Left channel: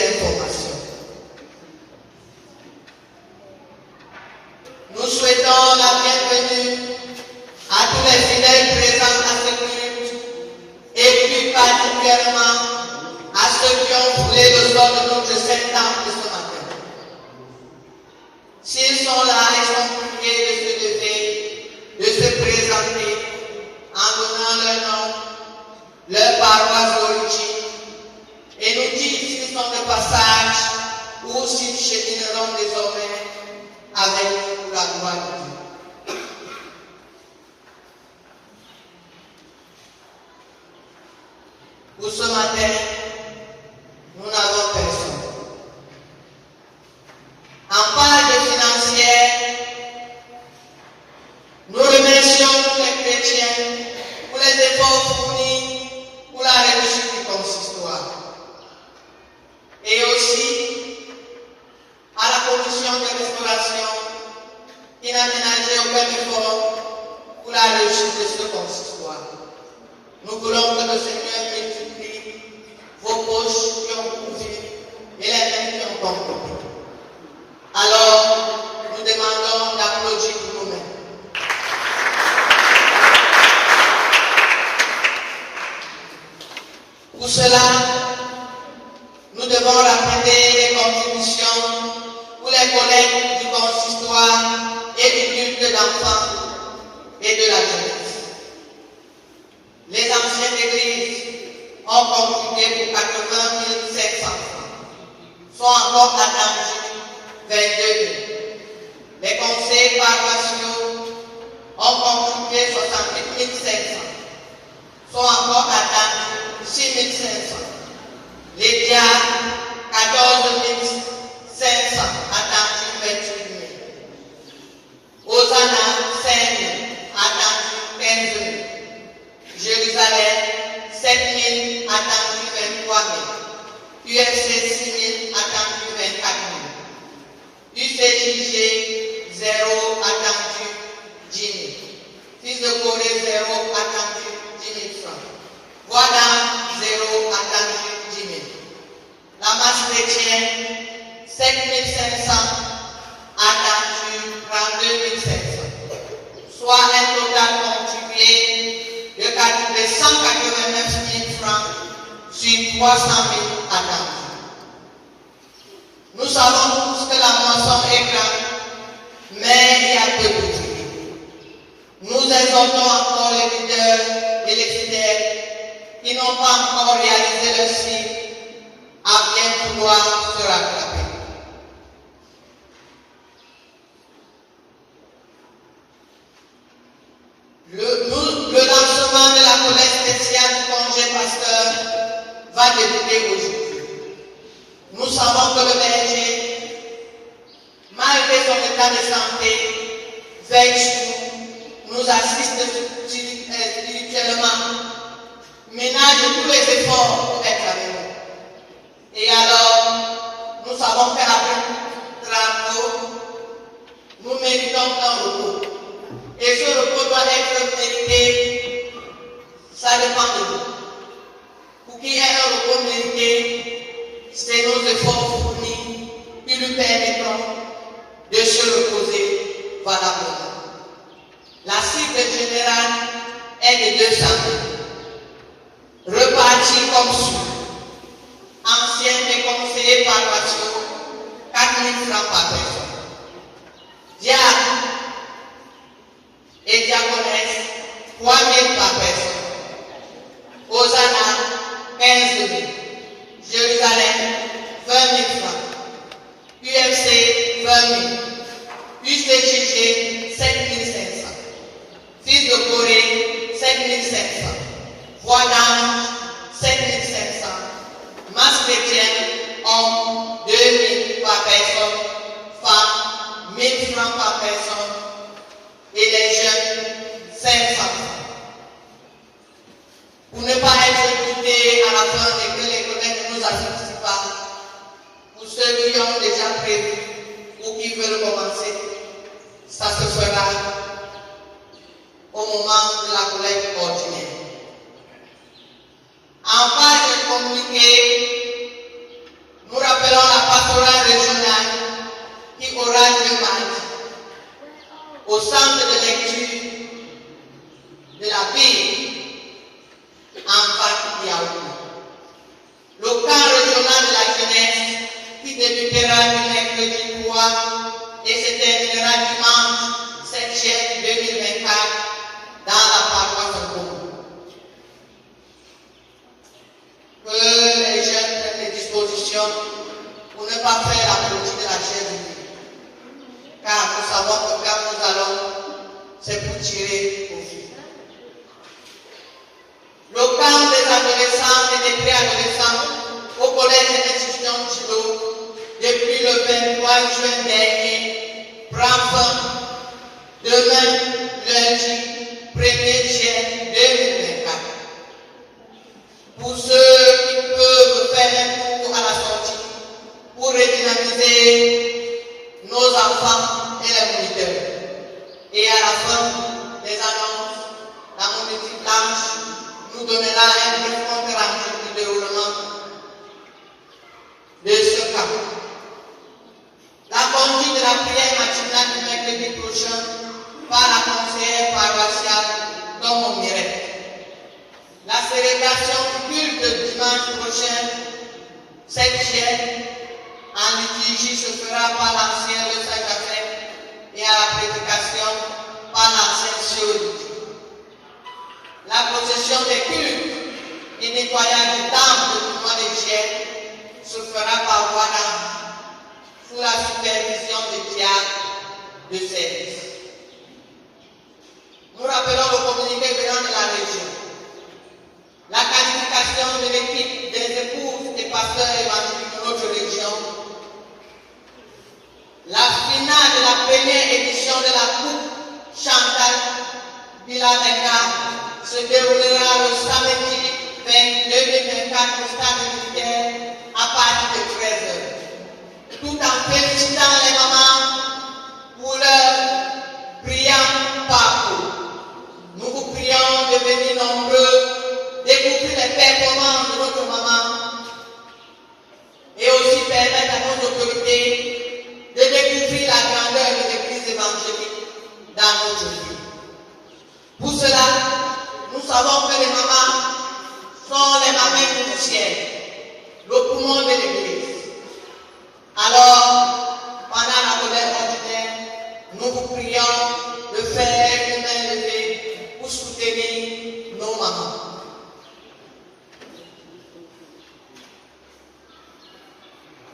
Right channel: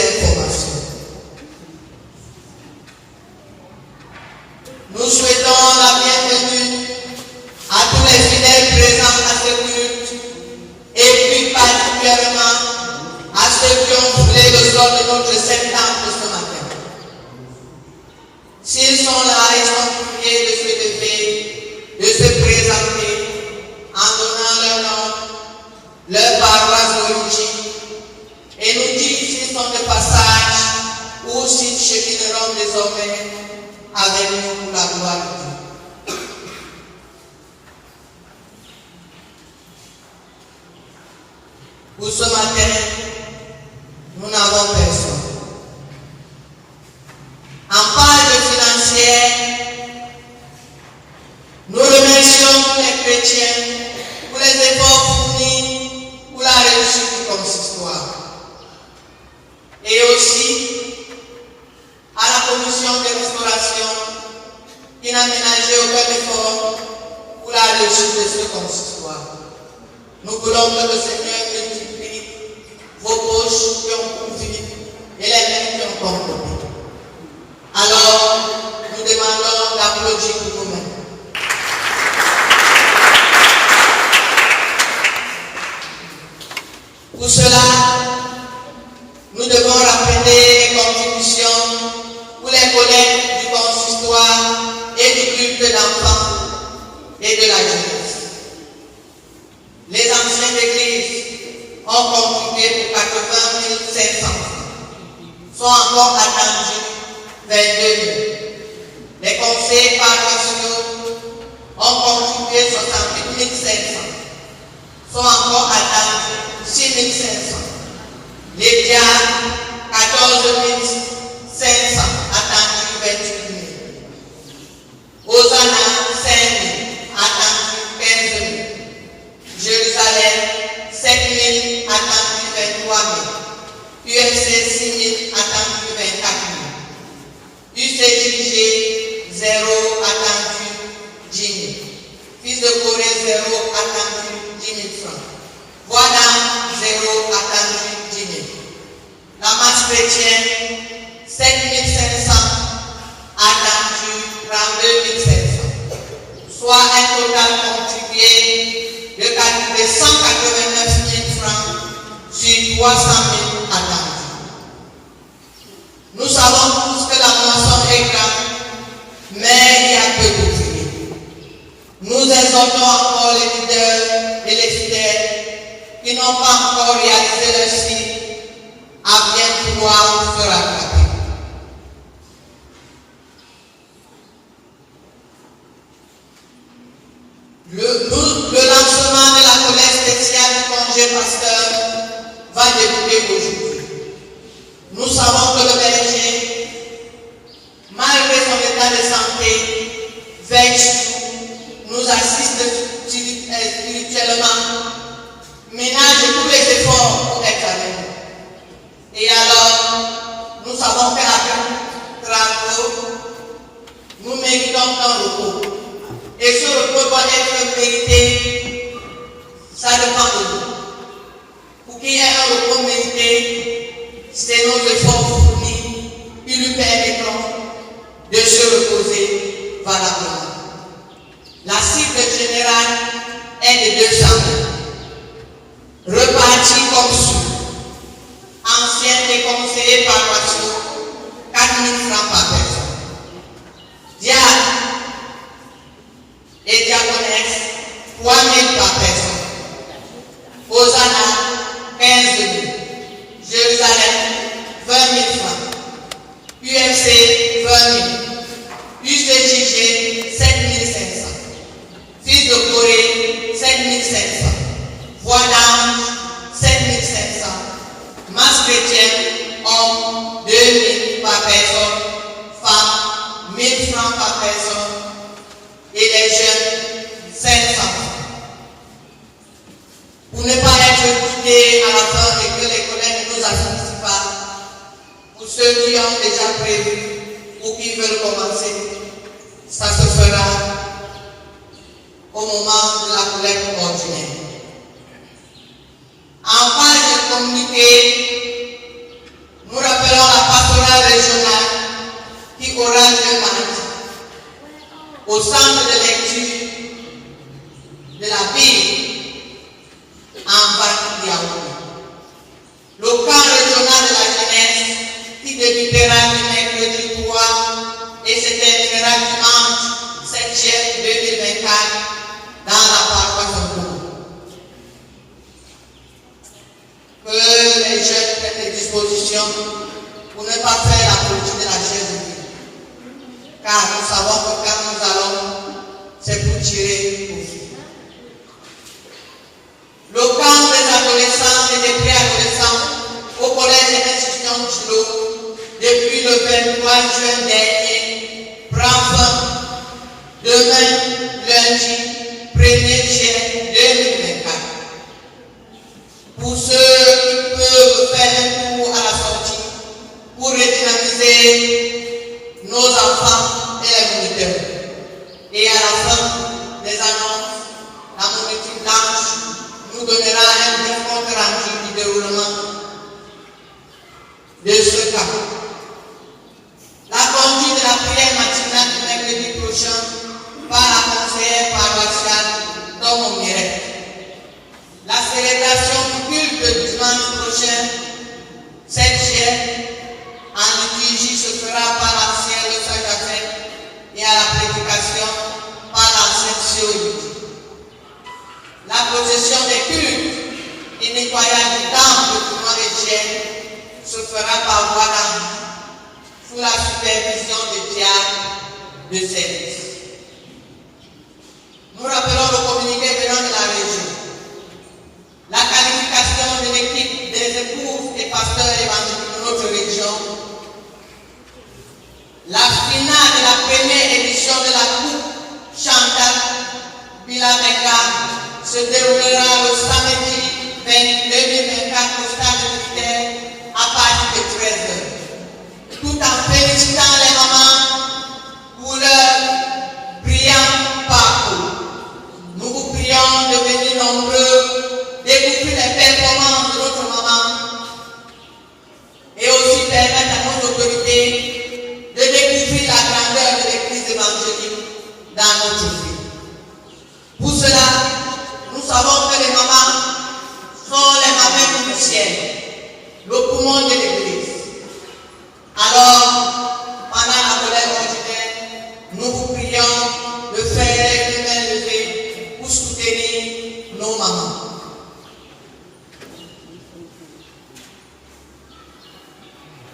informations. Nous souhaitons la bienvenue à tous les fidèles présents à ce culte et plus particulièrement à ceux qui ont foulé le sol de notre septembre ce matin. S'ils sont là et sont priés de se lever, de se présenter en donnant leur nom, leur paroisse d'origine, et nous dire s'ils sont de passage ou s'ils chemineront désormais avec nous pour la gloire de Dieu. Pour ce matin, nous n'avons personne. En page financière, nous remercions tous les chrétiens pour les efforts fournis pour la réussite du consistoire. Et aussi à la commission de restauration qui n'a ménagé aucun effort pour la réussite de ce consistoire. Nous voulons que le Seigneur multiplie vos poches qui ont pourvu et les mains qui ont compris. Alors, nous demandons d'applaudir pour nous-mêmes. Pour cela, nous devons rappeler les contributions pour les collègues du consistoire et du culte d'enfants et de la jeunesse. Les anciens d'église ont contribué pour 80 500 francs, sont encore attendus 22 000. Les conseils paroissiaux ont contribué 68 500, sont encore attendus 6 500. Les diacres, 14 500, attendus 28 000. Hosanna, 5 000, attendus 15 000. Jérusalem, 7 000, attendus 23 000. UFC, 6 000, attendus 24 000. UCJG, 0, attendu 10 000. Fils de Corée, 0, attendu 10 000 francs. Voix d'âme, 0, attendu 10 000. La masse chrétienne, 7 500, attendu 32 500. Soit un total contribué de 189 000 francs sur 300 000 attendus. Nous savons tous que la moisson est grande, mais il y a peu de fruits. Nous exhortons encore les leaders et les fidèles qui n'ont pas encore réalisé leur cycle à bien pouvoir se rattraper. Le lancement de la collecte spéciale du congé pasteur va débuter aujourd'hui. Nous savons que le berger, malgré son état de santé, veille sur nous, nous assiste spirituellement, ménage tous les efforts pour être avec nous. Et alors, nous savons qu'après travaux, nous méritons un repos. Et ce repos doit être mérité, ça dépend de nous. Pour qu'il y ait un repos mérité, c'est nos efforts fournis qui lui permettront de se reposer valablement. La cible générale est de 200 000. Repartis comme suit. Anciens et conseillers paroissiaux, 4 000 francs par personne. Diacres et diaconesses, 3 000 par personne. Hosanna, 15 000. Jérusalem, 20 000 francs. UFC, 20 000. UCJG, 7 500. Fils de Corée, 7 500. Voix d'ange, 7 500. Masse chrétienne, hommes, 2 000 par personne. Femmes, 1 000 francs par personne. Et les jeunes, 500 francs. Pour ne pas être quittés à la fin et que les collègues ne nous associent pas, pour ceux qui ont déjà prévu ou qui veulent commencer, ça se fera au moment de la collecte ordinaire. En page de communiqué, nous régional qui aura lieu mardi au centre de lecture de la ville en Yaoundé. Le camp régional de la jeunesse qui débutera le mercredi 3 et se terminera dimanche 7 juillet 2024 dans la paroisse de Bourg. Que les jeunes prennent des dispositions pour ne pas faire la politique de la chaise vide. Car nous savons que quand nous allons, c'est pour tirer profit. Le camp des adolescents et des préadolescents au collège et institution Chilo depuis le 23 juin dernier prend fin demain, lundi 1er juillet 2024. Pour ceux qui peuvent faire un tour à la sortie pour redynamiser nos enfants et les moniteurs. Et à la fin des annonces, la monétique blanche nous donnera un bref compte rendu du déroulement de ce camp. La conduite de la prière matinale du mercredi prochain par la conseillère paroissiale Tom Mirette. La célébration du culte dimanche prochain, 7 juillet, en liturgie se fera par l'ancien de Saint-Jacques et à la prédication par l'ancien Théologie. La procession des cultes et nettoyage du temple du mois de juillet se fera par voie d'ange sous la supervision des diacres de service. Nous rappelons le communiqué venant de la région. La qualification de l'équipe des épouses et pasteurs évangéliques de notre région. La finale de la première édition de la Coupe Chantal Bilamenga se déroulera le samedi 2024 au stade militaire à partir de 13h. Tout en félicitant les mamans pour leur brillant parcours. Nous vous prions de venir nombreux découvrir les performances de notre maman et aussi permettre à nos autorités de découvrir la grandeur de l'église évangélique dans notre vie. Pour cela, nous savons que les mamans sont les mamans initiales, le poumon de l'église. Alors, pendant la colère ordinaire, nous vous prions de faire une main levée pour soutenir nos mamans.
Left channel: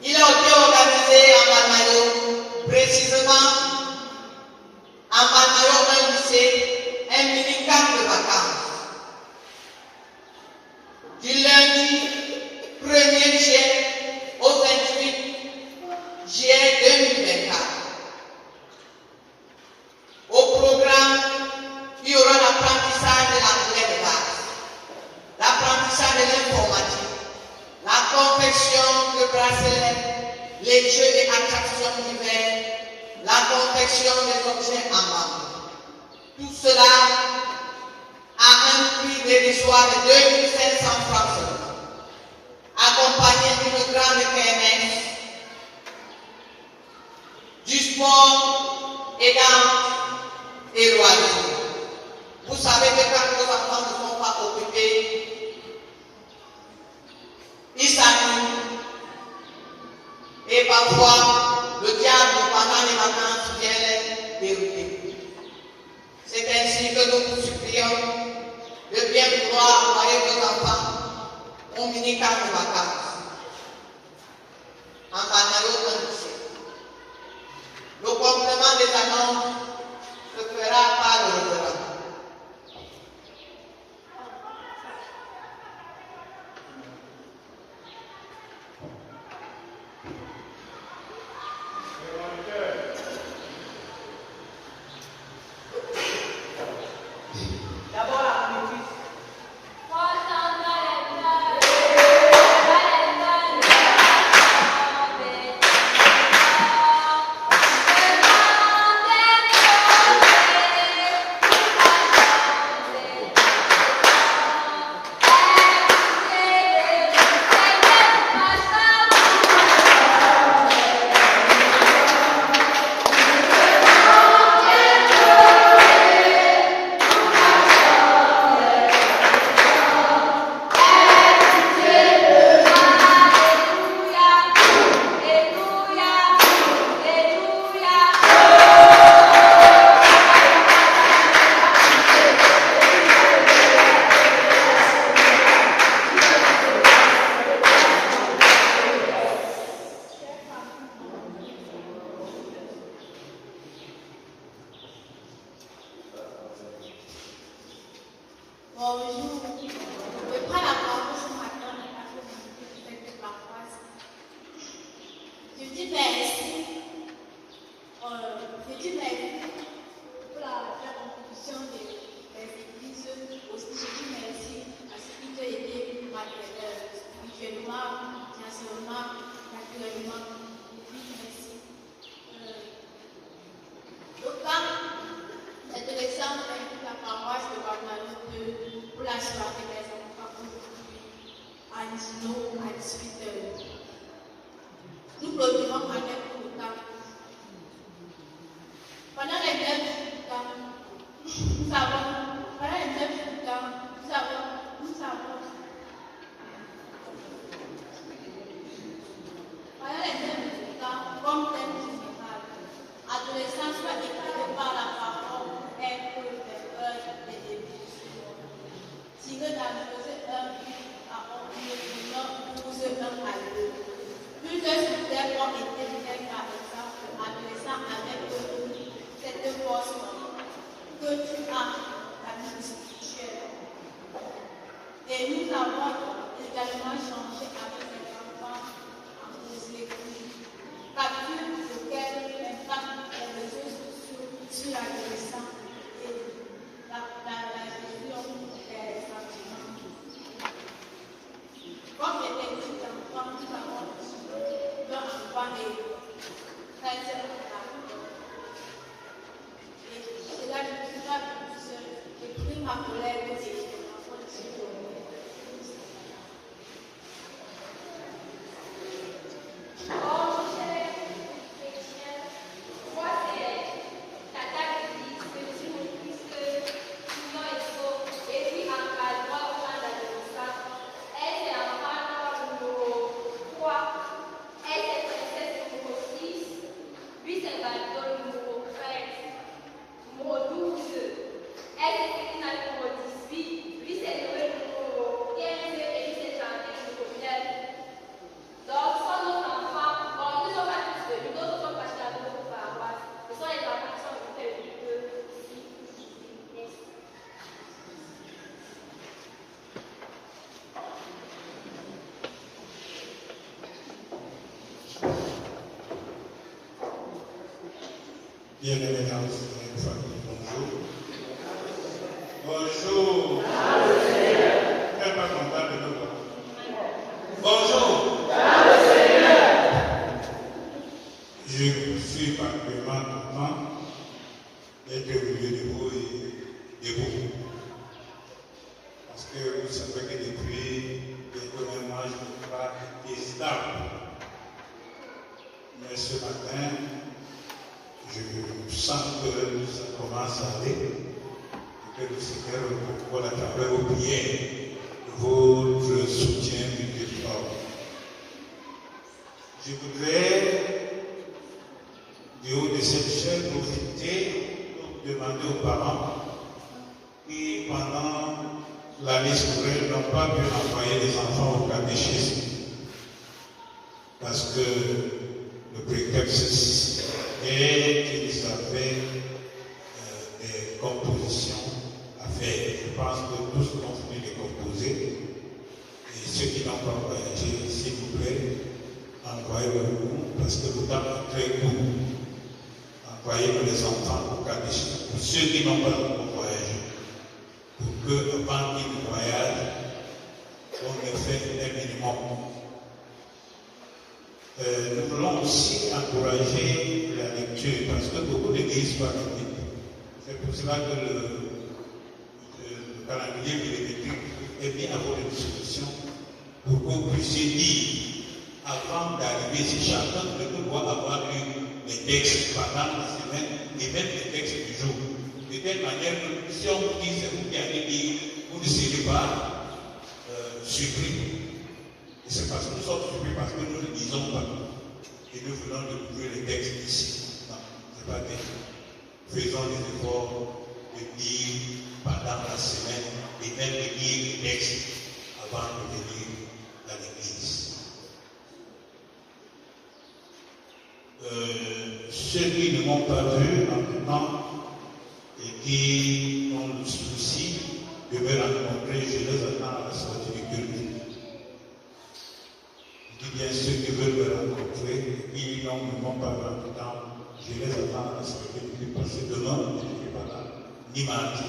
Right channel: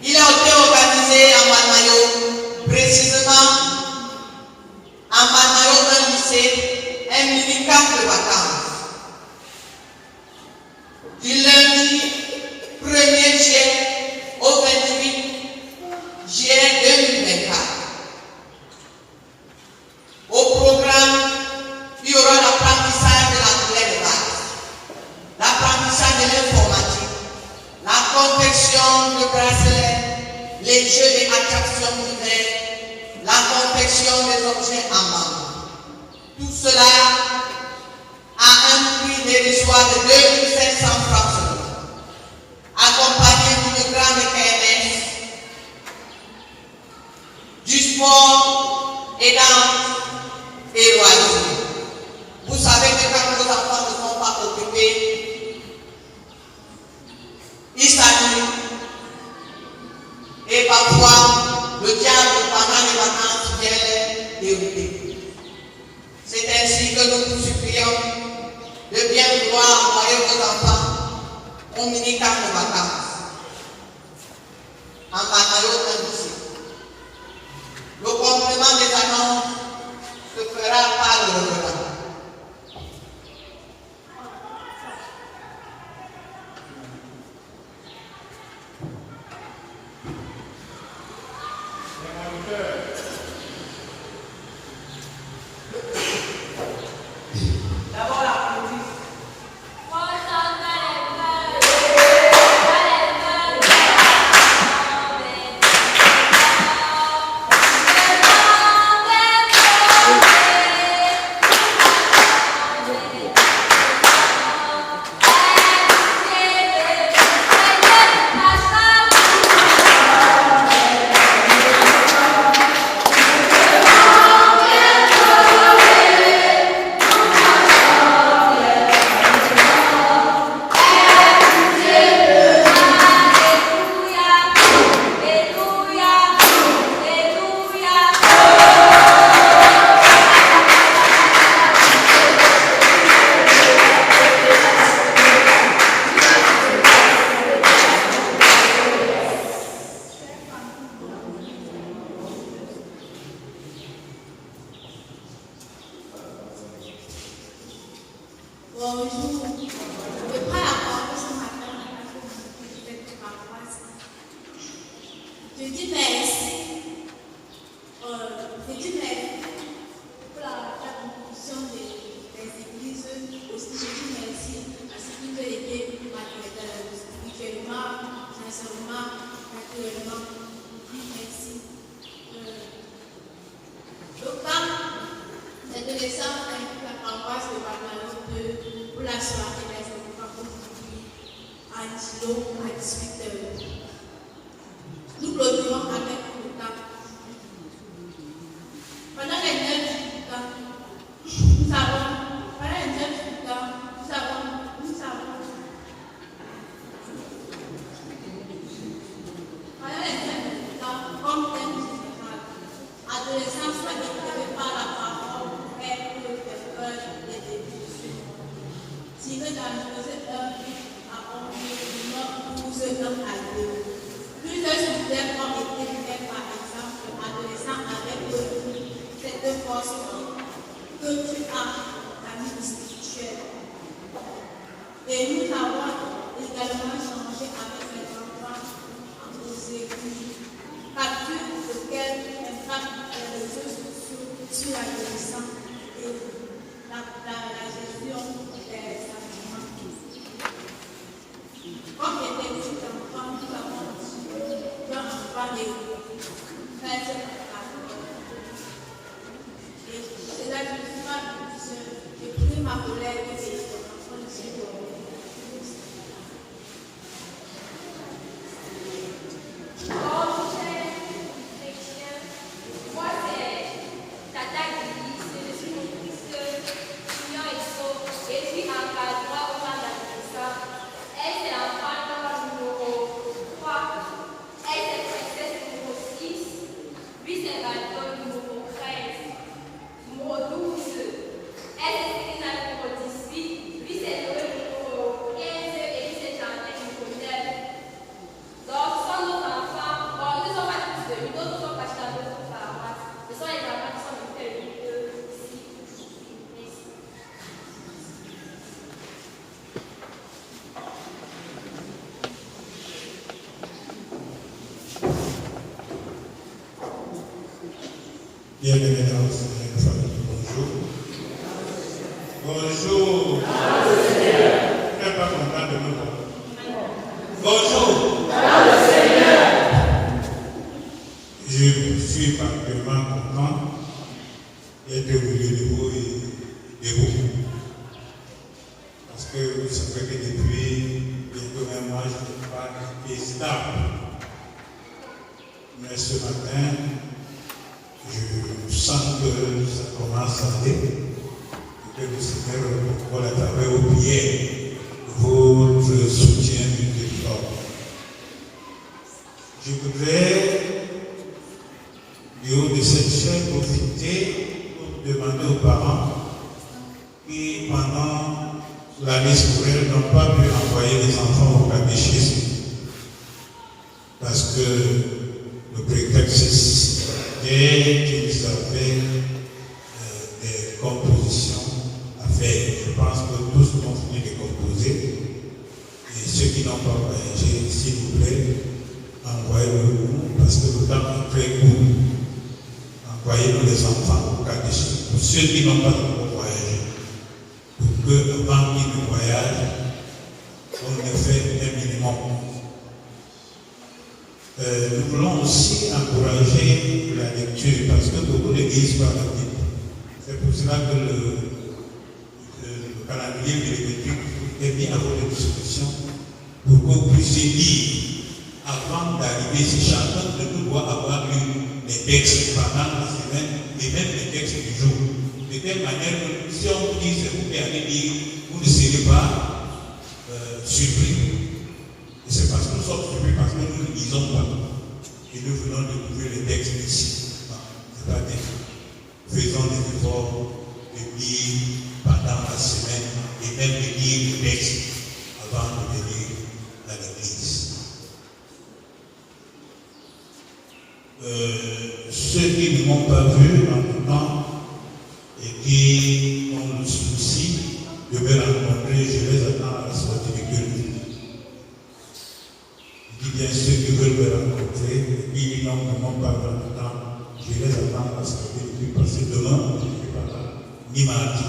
Il a été organisé à Malmayo, précisément à Malmayo, un lycée, un mini-camp de vacances. Du lundi 1er juillet au 28 juillet 2024. Au programme, il y aura l'apprentissage de la clé de base, l'apprentissage de l'informatique, la confection de bracelets, les jeux et attractions d'hiver, la confection des objets en bambou. Tout cela à un prix dérisoire de 2500 francs seulement, accompagné d'une grande kermesse, du sport et danse et loisirs. Vous savez que quand nos enfants ne sont pas occupés, ils s'ennuient. Et parfois, le diable, pendant les vacances, vient les dérouter. C'est ainsi que nous vous supplions de bien vouloir envoyer vos enfants au mini-camp de vacances. En Malmayo, un lycée. Le complément des annonces se fera par le revenant. Je dis merci. Je dis merci pour la contribution des églises. Aussi, je dis merci à ceux qui ont aidé spirituellement, financièrement, naturellement. Je dis merci. Donc, quand les adolescents invitent la paroisse de Babalou pour la soirée des enfants aujourd'hui à Angelo à 18h. Nous clôturons avec le temps. Pendant les 9 temps, nous savons, pendant les 9 temps, nous savons, pendant les 9 temps, comme thème général, adolescents soient éclairés par la parole et pour le peur des débuts. Tiré dans Joseph 1 à 11, 12, 1 à 2. Plusieurs sujets ont été faits par exemple, adolescents avec cette force que tu as ta vie spirituelle. Et nous avons également changé avec les enfants en posé capture lequel impacte les réseaux sociaux sur l'adolescent et la gestion des sentiments. Comme les petits enfants, nous avons parler, faire cette et c'est là que je suis pas seule. J'ai pris ma collègue et les enfants de chez nous. Bonjour, chers chrétiens. Moi, c'est Tata Lily, c'est le supportrice Sinon Esso, et puis encadrement au plan d'adolescents. Elle, c'est enfant numéro 3. Elle, c'est princesse numéro 6. Lui, c'est Valdo numéro 13. Numéro 12. Elle, c'est Céline numéro 18. Lui, c'est Noé numéro 15. Et lui, c'est Jean-Pierre numéro 9. Donc, ce sont nos enfants. Bon, nous ne sommes pas tous de nous. D'autres sont cachés dans d'autres paroisses. Ce sont les enfants qui sont invités ici. Merci. Bienvenue dans notre famille. Bonjour. Bonjour. Je ne suis pas content de nous voir. Bonjour. Je suis particulièrement content d'être au milieu de vous et de vous. Parce que vous savez que depuis bientôt un mois, je ne suis pas été stable. Mais ce matin, je sens que ça commence à aller et que le Seigneur reprend à travers vos prières, votre soutien miséricordieux. Je voudrais, du haut de cette chaîne, profiter pour demander aux parents qui, pendant l'année scolaire, n'ont pas pu envoyer les enfants au catéchisme parce que le prétexte et qu'ils avaient des compositions à faire. Je pense que tous ont fini de composer. Et ceux qui n'ont pas voyagé, s'il vous plaît, envoyez-le parce que le temps est très court. Envoyez-nous les enfants au catéchisme. Pour ceux qui n'ont pas encore voyagé, pour que, avant qu'ils ne voyagent, on ait fait un minimum. Nous voulons aussi encourager la lecture parce que beaucoup d'églises parlent la Bible. C'est pour cela que le calendrier de l'écriture est mis à votre disposition pour que vous puissiez lire avant d'arriver ici. Chacun de nous doit avoir lu les textes pendant la semaine et même les textes du jour. De telle manière que si on dit c'est vous qui allez lire, vous ne serez pas surpris. Et c'est parce que nous sommes surpris, parce que nous ne lisons pas. Et nous venons de trouver les textes ici. Non, ce n'est pas bien. Faisons des efforts de lire pendant la semaine et même de lire les textes avant de venir à l'église. Ceux qui ne m'ont pas vu en tout temps et qui ont le souci de me rencontrer, je les attends à la sortie du culte. Je dis bien bien ceux qui veulent me rencontrer, et puis ils n'ont pas vraiment de temps. Je les attends à la sécurité parce que demain, je ne serai pas là, ni mardi.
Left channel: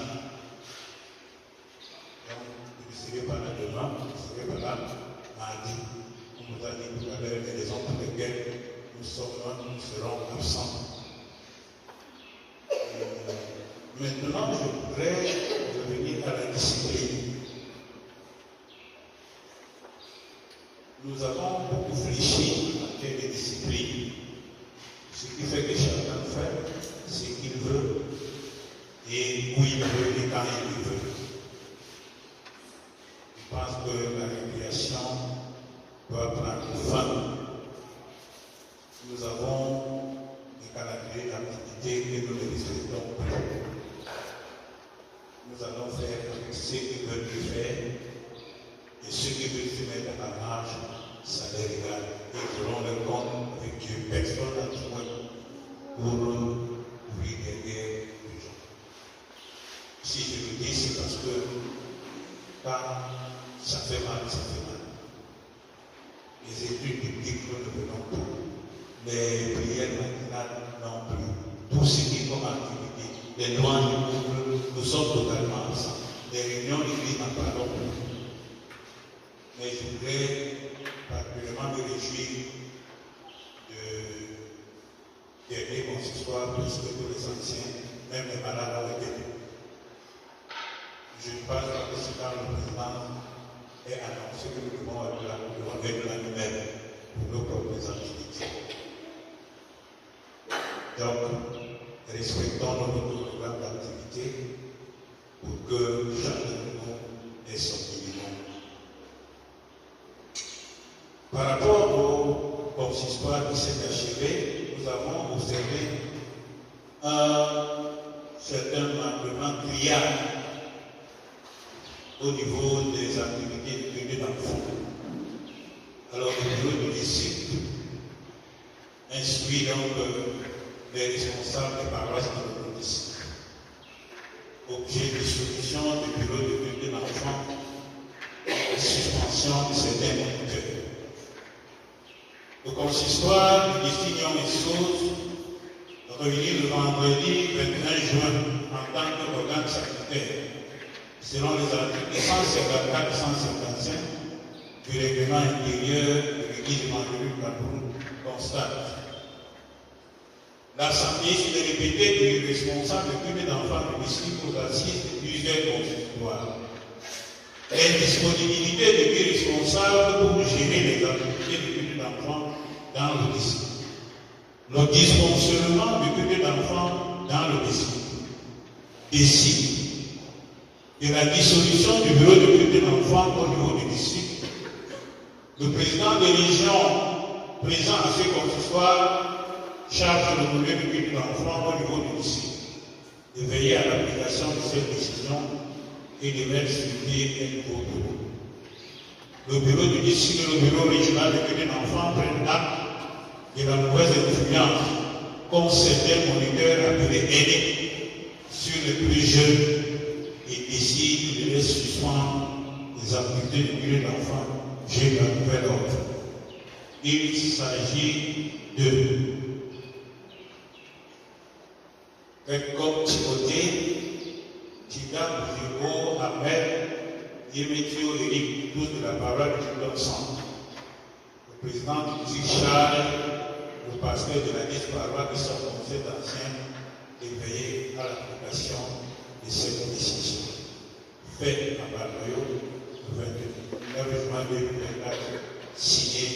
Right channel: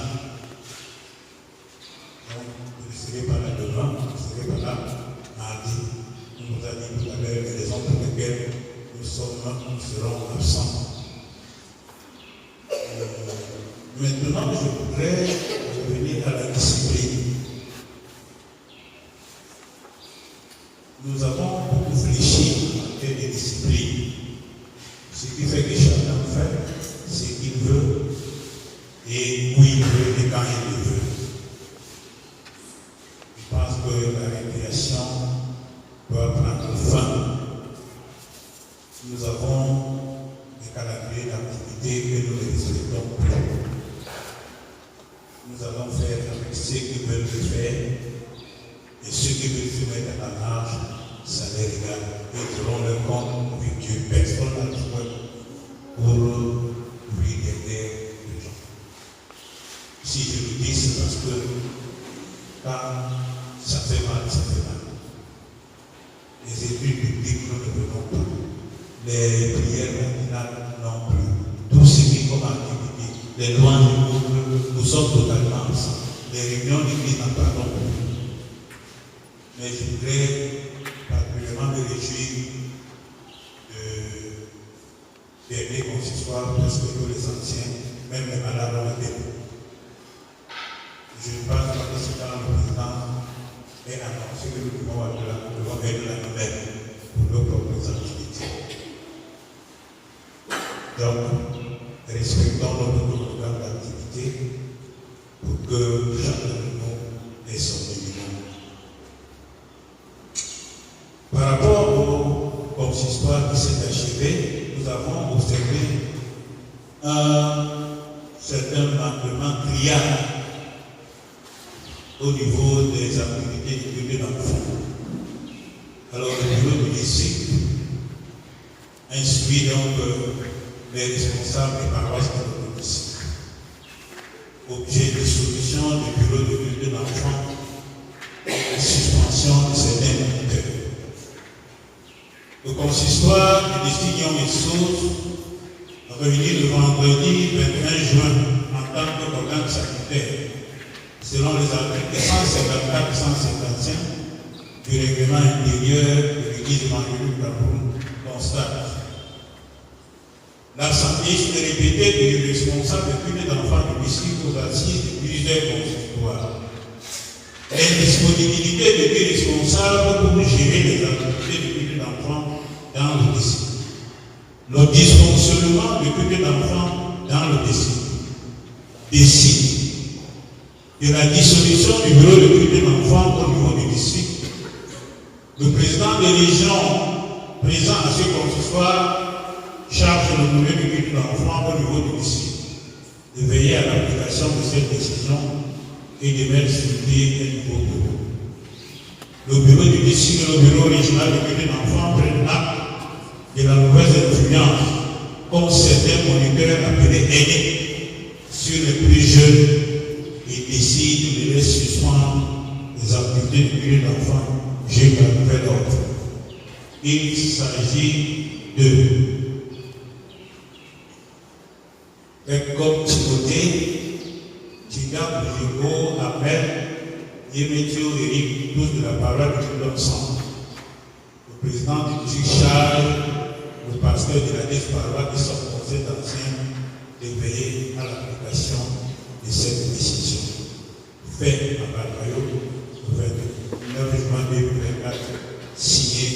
Donc, je ne serai pas là demain, je ne serai pas là mardi. On nous a dit tout à l'heure les raisons pour lesquelles nous serons absents. Maintenant, je voudrais revenir à la discipline. Nous avons beaucoup fléchi en termes de discipline, ce qui fait que chacun fait ce qu'il veut et où il veut et quand il le veut. Je pense que la récréation doit prendre fin. Nous avons des calendriers d'activité que nous ne respectons plus. Nous allons faire avec ceux qui veulent le faire et ceux qui veulent se mettre à la marge, ça les regarde. Ils auront leur compte avec Dieu. Personne n'a besoin pour ouvrir derrière les gens. Si je le dis, c'est parce que quand ça fait mal, ça fait mal. Les études bibliques, nous ne venons pas. Les prières matinales non plus. Tout ce qui est comme activité, les lois du couple, nous sommes totalement absents. Les réunions d'église n'en parlons plus. Mais je voudrais particulièrement me réjouir de dernier consistoire parce que tous les anciens, même les malades ont été. Je pense que c'est quand le président est annoncé que nous devons faire de la nouvelle pour nos propres activités. Donc, respectons notre programme d'activité pour que chacun de nous ait son minimum. Par rapport au consistoire qui s'est achevé, nous avons observé un certain manquement criard au niveau des activités du culte d'enfants. Alors, le bureau du district instruit donc les responsables des paroisses de notre district. Objet de solution du bureau de culte d'enfants et suspension de certains moniteurs. Le consistoire du district Nyong-et-Sauce réuni le vendredi 21 juin en tant qu'organe sanitaire selon les articles 154 et 155 du règlement intérieur de l'Église évangélique du Cameroun constate l'absentéisme répété du responsable de culte d'enfants du district aux assises de plusieurs consistoires. L'indisponibilité de deux responsables pour gérer les activités de culte d'enfants dans le district. Le dysfonctionnement du culte d'enfants dans le district décide de la dissolution du bureau de culte d'enfants au niveau du district. Le président de région présent à ce consistoire charge le bureau de culte d'enfants au niveau du district de veiller à l'application de cette décision et de mettre sur pied un nouveau bureau. Le bureau du district et le bureau régional de culte d'enfants prennent acte de la mauvaise influence comme certains moniteurs appelés aînés sur les plus jeunes et décident de les suspendre les activités de culte d'enfants jusqu'à nouvel ordre. Il s'agit de comme Timothée, Tida Boujego, Ahmed, Yéméthio, Eric, tous de la parole du culte d'enfants. Le président du district charge le pasteur de la paroisse qui sont conseil d'anciens de veiller à l'application de cette décision. Fait à Balayo, le 29 juin 2024, signé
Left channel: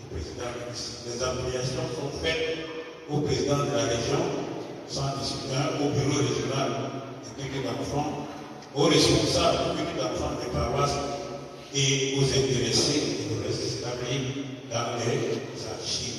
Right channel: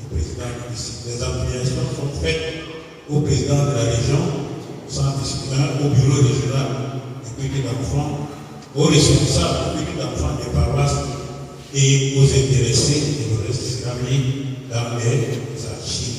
le président du district. Les améliorations sont faites au président de la région, au bureau régional du culte d'enfants, aux responsables du culte d'enfants des paroisses et aux intéressés, et le reste sera mis dans les archives.